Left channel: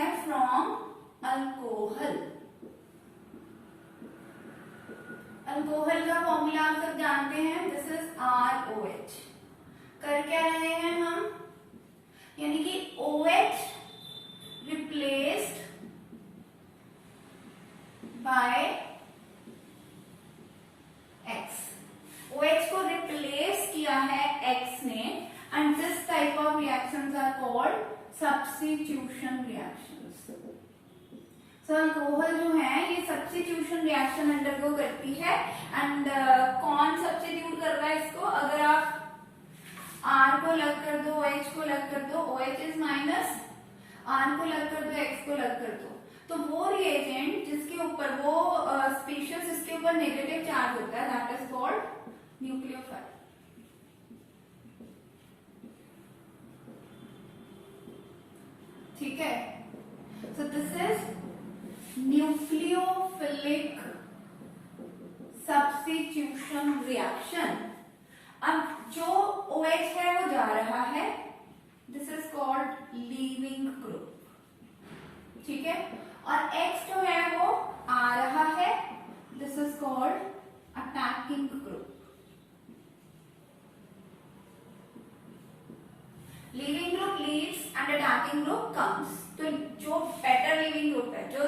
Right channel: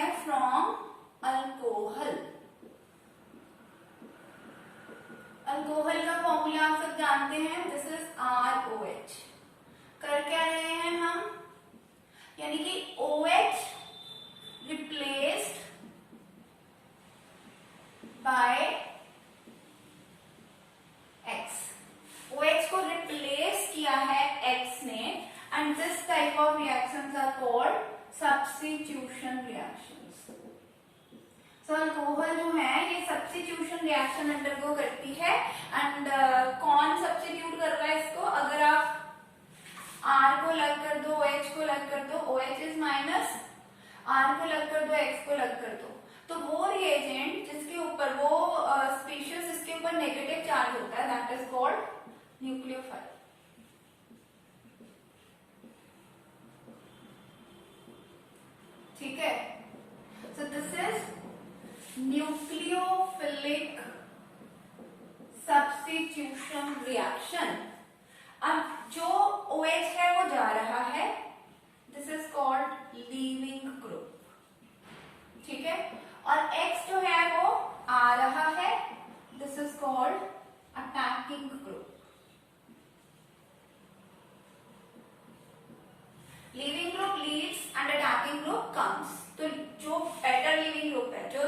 है from alcohol. Alcohol का formula आप सब जानते हैं, दिस इज ROH। कर क्या रहे हैं हम, यानी कि OH replaced by X। OH को रिप्लेस किया है X ने, and this type of reactions are called substitution reactions. So alcohol जो है ये सब्स्टिट्यूशन रिएक्शन अंडरगो करती है। एंड कौन सब्स्टिट्यूट कर रहा है इसको, अगर आप R को लग कर दो, OH को लग कर दो, OH इज माइनस, R को लग कर दो, X को लग कर दो, तो वो रिएजेंट जिसके ऊपर वो स्पीशीज जिसके ऊपर नेगेटिव चार्ज होता है, दैट इज कॉल्ड न्यूक्लियोफाइल। ठीक है, so this is nucleophilic substitution reaction. अब जो OH है वो जा रहा है, this is called leaving group. ठीक है, और X जो है वो आ रहा है, this is called attacking group. Leaving group leads and attacking group comes. तो जो बेटर लीविंग ग्रुप है, जो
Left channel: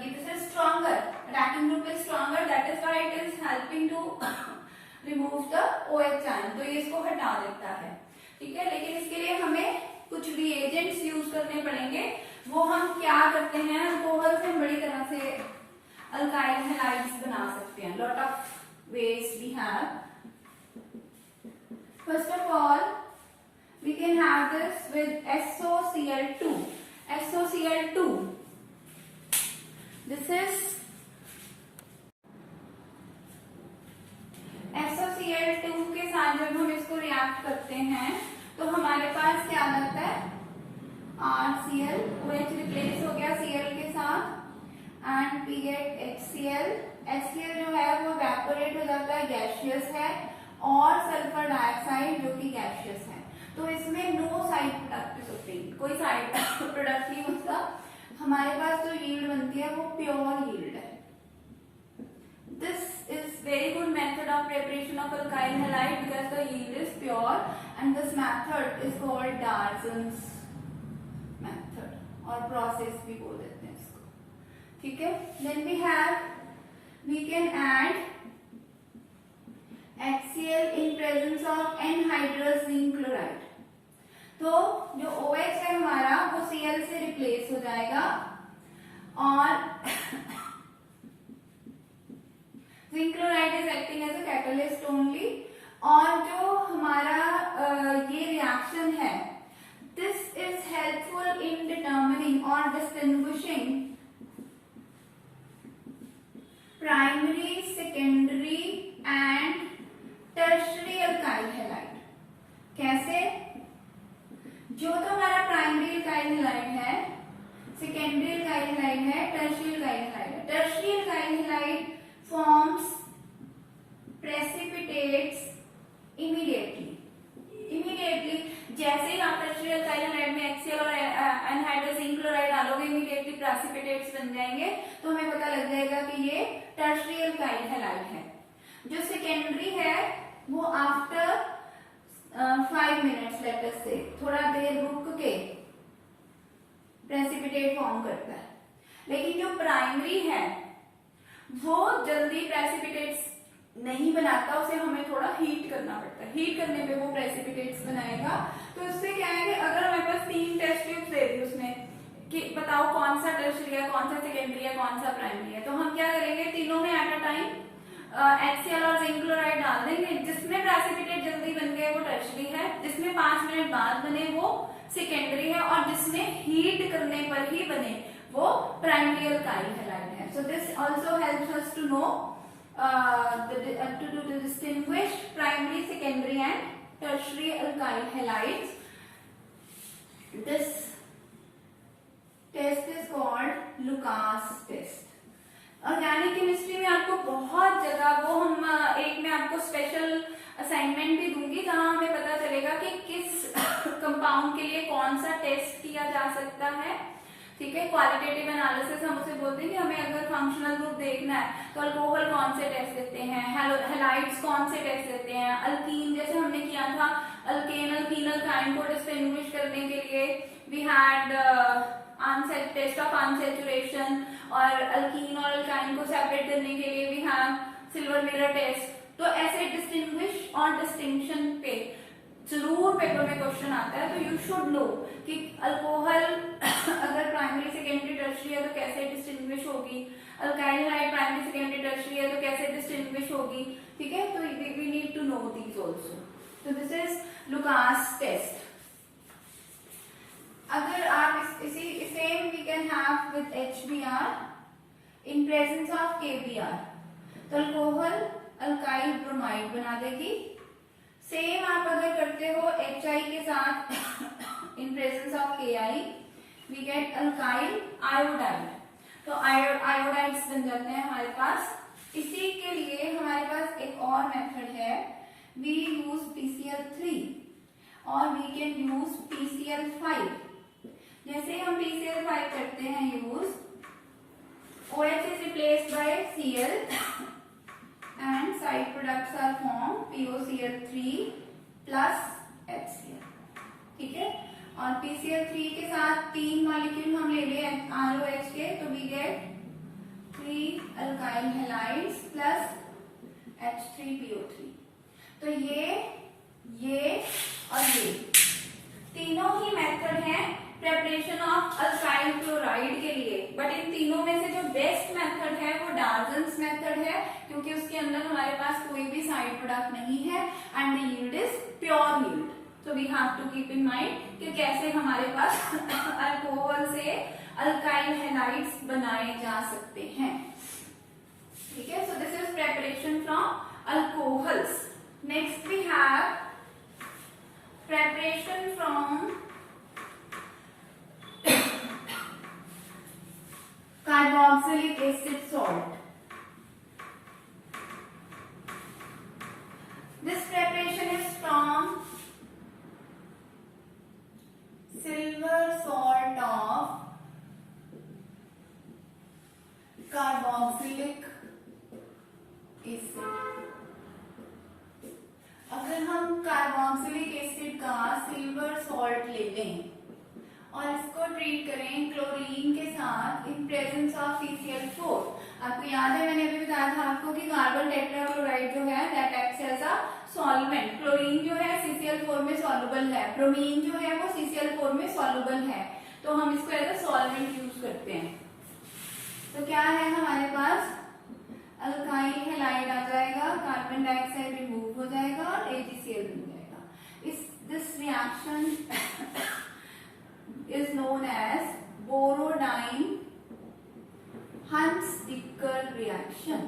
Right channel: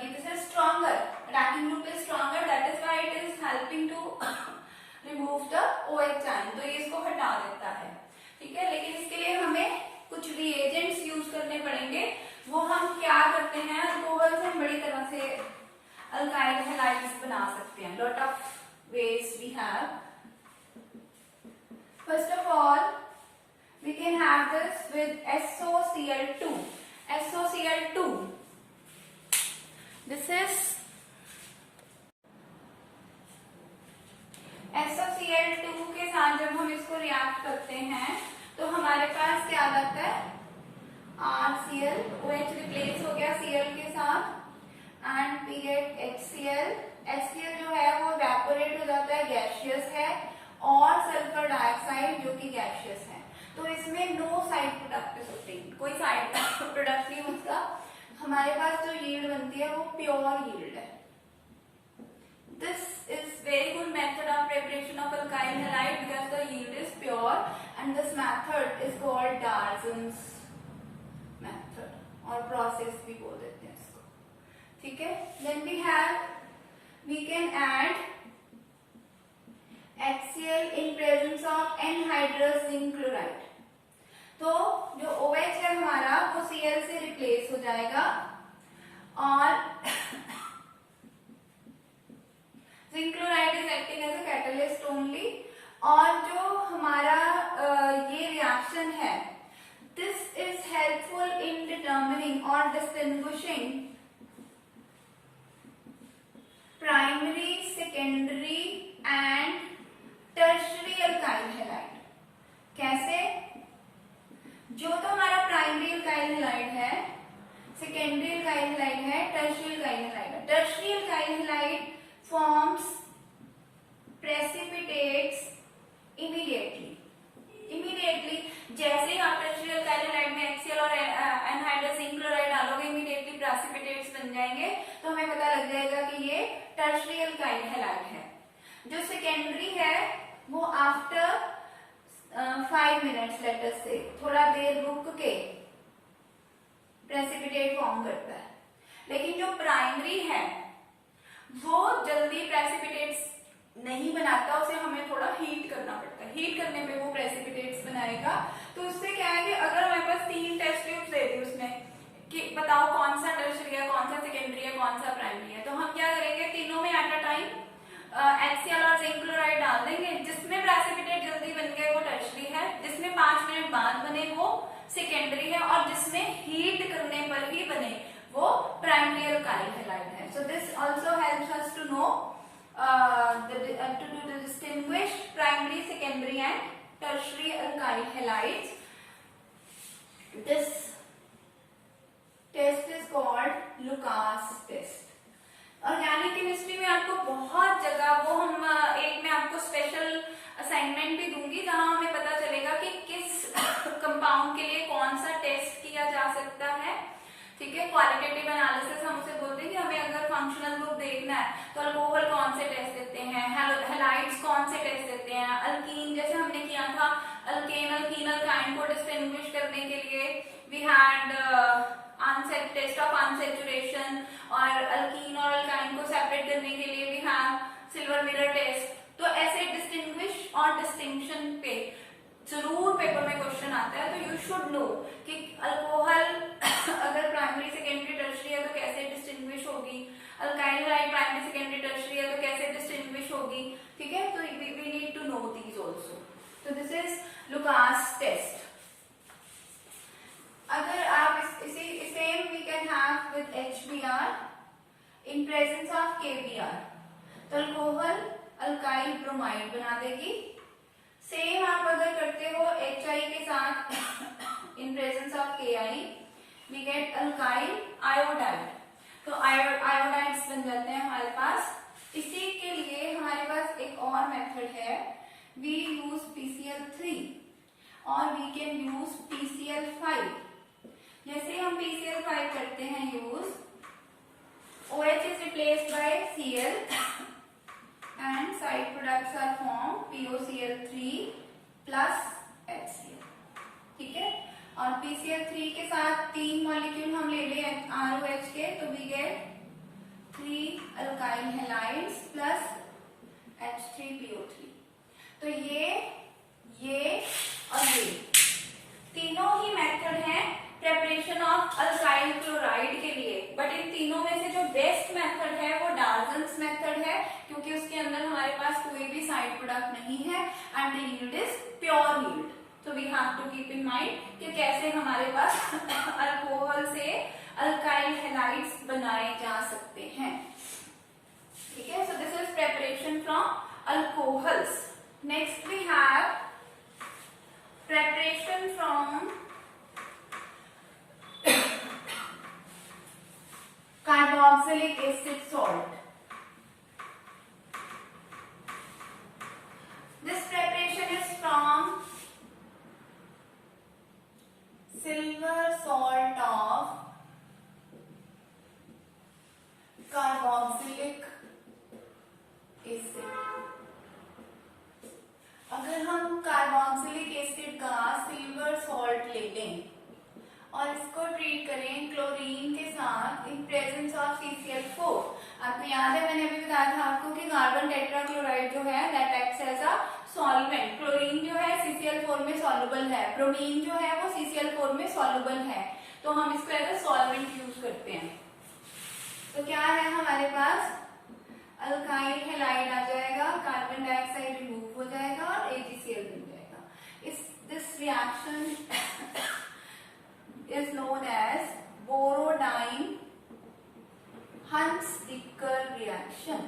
this is stronger, attacking group is stronger, that is why it is helping to remove the OH ion, तो ये इसको हटा देता है। ठीक है, लेकिन इसके लिए हमें कुछ रिएजेंट्स यूज करने पड़ेंगे। वो हम क्या करते हैं, अल्कोहल से हम बड़ी तरह से अल्काइल हैलाइड्स बना सकते हैं। Lot of ways we have. First of all we can have this with SOCl2. SOCl2, this is SOCl2 के साथ जब हम इसको रिएक्ट करते हैं तो हमारे पास क्या लगता है, RCl, OH रिप्लेस हो गया Cl के साथ, and we get HCl। HCl जो है वो इवेपोरेट हो जाता है, गैसियस है, और सल्फर डाइऑक्साइड जो कि गैसियस है। तो इसमें नो साइड प्रोडक्ट होते हैं, कोई साइड प्रोडक्ट नहीं उसका। हमारे पास जो यील्ड बनती है वो प्योर यील्ड है। This is very good method of preparation of alkyl halide because the yield is pure, and this method is called Darzens method, और प्रोसेस भी बोल देते हैं इसको। ठीक है, then we can add HCl in presence of anhydrous zinc chloride। तो जो OH है हमारा वो Cl से रिप्लेस हो जाएगा, और zinc chloride is acting as a catalyst only. और जो हमारा ये रिएक्शन है, this is helpful in determining और distinguishing primary, secondary and tertiary alkyl halide. कैसे, जो तो हमारा प्राइमरी अल्काइल हैलाइड है, सेकेंडरी अल्काइल हैलाइड है, टर्शियरी अल्काइल हैलाइड है। Tertiary alkyl halide forms precipitates immediately. जैसे ही आप टर्शियरी अल्काइल हैलाइड में HCl और एनहाइड्रस जिंक क्लोराइड डालोगे, इमीडिएटली प्रेसिपिटेट्स बन जाएंगे, तो हमें पता लग जाएगा कि ये टर्शियरी अल्काइल हैलाइड है। जो सेकेंडरी है वो आफ्टर 5 मिनट्स लेटर से थोड़ा देर रुक के प्रेसिपिटेट फॉर्म करता है, लेकिन जो प्राइमरी है वो जल्दी प्रेसिपिटेट्स नहीं बनाता, उसे हमें थोड़ा हीट करना पड़ता है। हीट करने पे वो प्रेसिपिटेट्स बनाएगा। तो इससे क्या है कि अगर हमारे पास 3 टेस्ट ट्यूब्स दे दी उसमें कि बताओ कौन सा टर्शियरी है, कौन सा सेकेंडरी है, कौन सा प्राइमरी है, तो हम क्या करेंगे, तीनों में एट अ टाइम HCl और जिंक क्लोराइड डाल देंगे। जिसमें प्रेसिपिटेट जल्दी बन गए वो टर्शियरी है, जिसमें 5 मिनट बाद बने वो सेकेंडरी है, और जिसमें हीट करने पर ही बने वो प्राइमरी अल्काइल हैलाइड है। So this also helps us to know to distinguish primary, secondary and tertiary alkyl halides. This test is called Lucas test. Organic chemistry में आपको बहुत जगह, वो हम एक में आपको स्पेशल असाइनमेंट भी दूंगी जहां हमें पता चलेगा कि किस कंपाउंड के लिए कौन सा टेस्ट किया जा सकता है। ठीक ठीक है। क्वालिटेटिव एनालिसिस हम उसे बोलते हैं कि हमें अगर फंक्शनल ग्रुप देखना है तो अल्कोहल कौन से टेस्ट देते हैं, हैलाइड्स कौन से टेस्ट देते हैं, अल्कीन जैसे हमने किया था, अल्केन अल्कीन अल्काइन को डिस्टिंग्विश करने के लिए we had test of unsaturation, और अल्कीन और अल्काइन को सेपरेट करने के लिए we have silver mirror test. तो ऐसे डिस्टिंग्विश और डिस्टिंक्शन पे जरूर पेपर में क्वेश्चन आता है, तो यू शुड नो कि अल्कोहल अगर प्राइमरी सेकेंडरी टर्शियरी है तो कैसे डिस्टिंग्विश होगी, alkyl halide primary secondary tertiary है तो कैसे डिस्टिंग्विश होगी, ठीक है। तो we need to know these also. तो दिस इज लुकास टेस्ट। अगर आप इसी same we can have with HBr in presence of KBr, तो अल्कोहल अल्काइल ब्रोमाइड बना देगी। सेम आप अगर करते हो HI के साथ in presence of KI we get alkyl iodide, तो आयोडाइड्स बन जाते हैं हमारे पास। इसी के लिए हमारे पास एक और मेथड है, वी यूज PCl3 और वी कैन यूज PCl5। जैसे हम PCl5 करते हैं use, OH is replaced by Cl and side products are formed POCl3 plus HCl, ठीक है। और PCl3 के साथ 3 मॉलिक्यूल हम ले लें ROH के, तो we get 3 alkyl halides plus H3PO3। तो ये और ये तीनों ही मेथड है प्रेपरेशन ऑफ अल्काइल क्लोराइड के लिए, बट इन तीनों में से जो बेस्ट मेथड है वो डार्जन्स मेथड है, क्योंकि उसके अंदर हमारे पास कोई भी साइड प्रोडक्ट नहीं है and the yield is pure yield. तो we have to keep in mind कि कैसे हमारे पास अल्कोहल से अल्काइल हैलाइड्स बनाए जा सकते हैं, ठीक है। So this is preparation from alcohols. Next we have preparation from carboxylic acid salt. This preparation is from silver salt of carboxylic acid. अगर हम कार्बोक्सिलिक एसिड का सिल्वर सॉल्ट ले लें और इसको ट्रीट करें क्लोरीन के साथ इन प्रेजेंस ऑफ CCl4, आपको याद है मैंने अभी बताया था आपको कि कार्बन टेट्राक्लोराइड जो है that acts as a solvent. Chlorine जो है CCl4 में सॉल्युबल है, ब्रोमीन जो है वो CCl4 में सॉल्युबल है, तो हम इसको एज अ सॉल्वेंट यूज करते हैं। तो क्या है हमारे पास, अल्काइल हैलाइड आ जाएगा, कार्बन डाइऑक्साइड रिमूव हो जाएगा और AgCl बन जाएगा। This reaction is known as borodine Huns-Dicker reaction.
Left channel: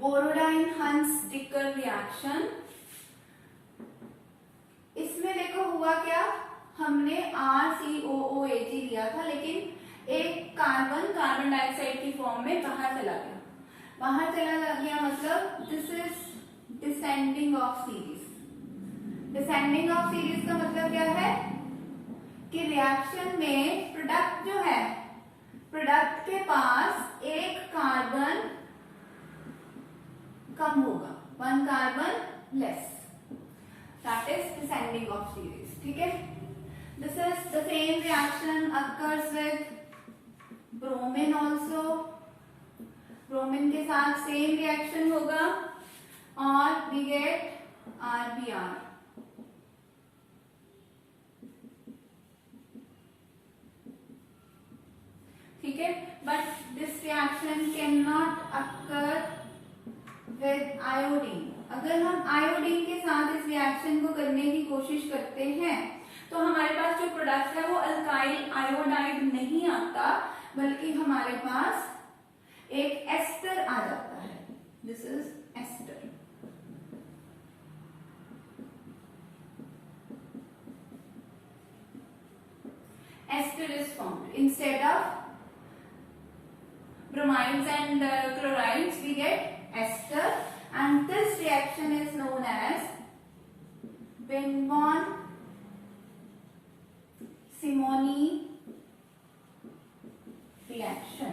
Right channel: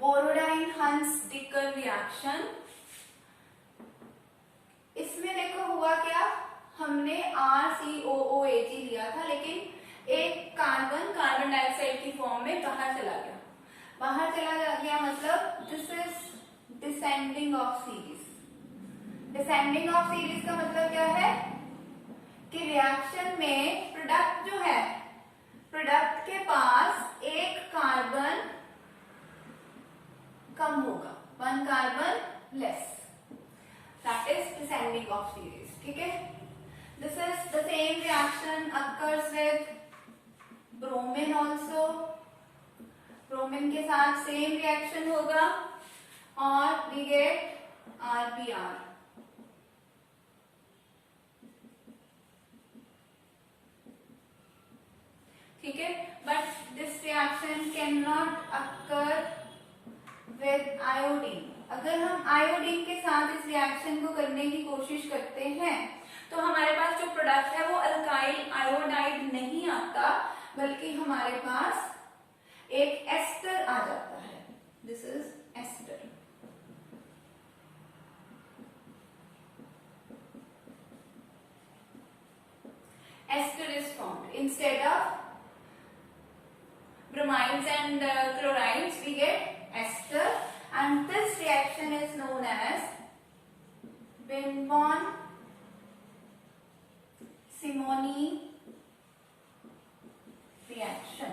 Borodine Hunsdiecker reaction, इसमें देखो हुआ क्या, हमने RCOOAg लिया था, लेकिन एक कार्बन डाइऑक्साइड की फॉर्म में बाहर चला गया, मतलब this is descending of series. Descending of series का मतलब क्या है कि रिएक्शन में प्रोडक्ट जो है, प्रोडक्ट के पास एक कार्बन कम होगा, 1 carbon less, that is descending of series, ठीक है। This is the same reaction occurs with bromine also. Bromine के साथ सेम रिएक्शन होगा और we get RBr, ठीक है। But this reaction can not occur with iodine. अगर हम आयोडीन के साथ इस रिएक्शन को करने की कोशिश करते हैं तो हमारे पास जो प्रोडक्ट है वो अल्काइल आयोडाइड नहीं आता, बल्कि हमारे पास एक एस्टर आ जाता है। This is ester. Ester is formed instead of bromides and chlorides. We get ester, and this reaction is known as Binbon-Simony reaction,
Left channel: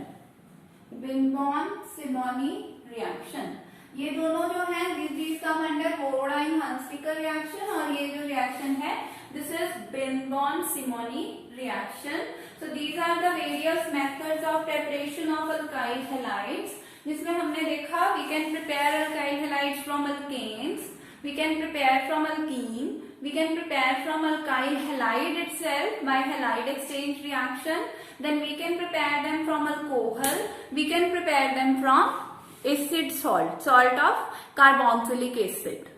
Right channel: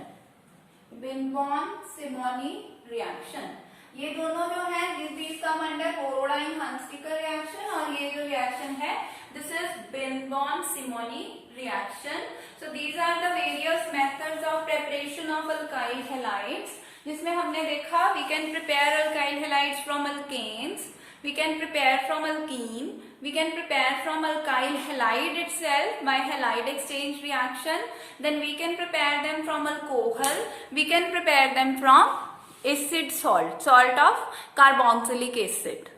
Binbon-Simony reaction, ये दोनों जो है these come under Borodine-Hunziker reaction, और ये जो reaction है this is Binbon-Simony reaction. So these are the various methods of preparation of alkyl halides, जिसमें हमने देखा we can prepare alkyl halides from alkanes, we can prepare from alkene, we can prepare from alkyl halide itself by halide exchange reaction, then we can prepare them from alcohol, we can prepare them from acid salt of carboxylic acid.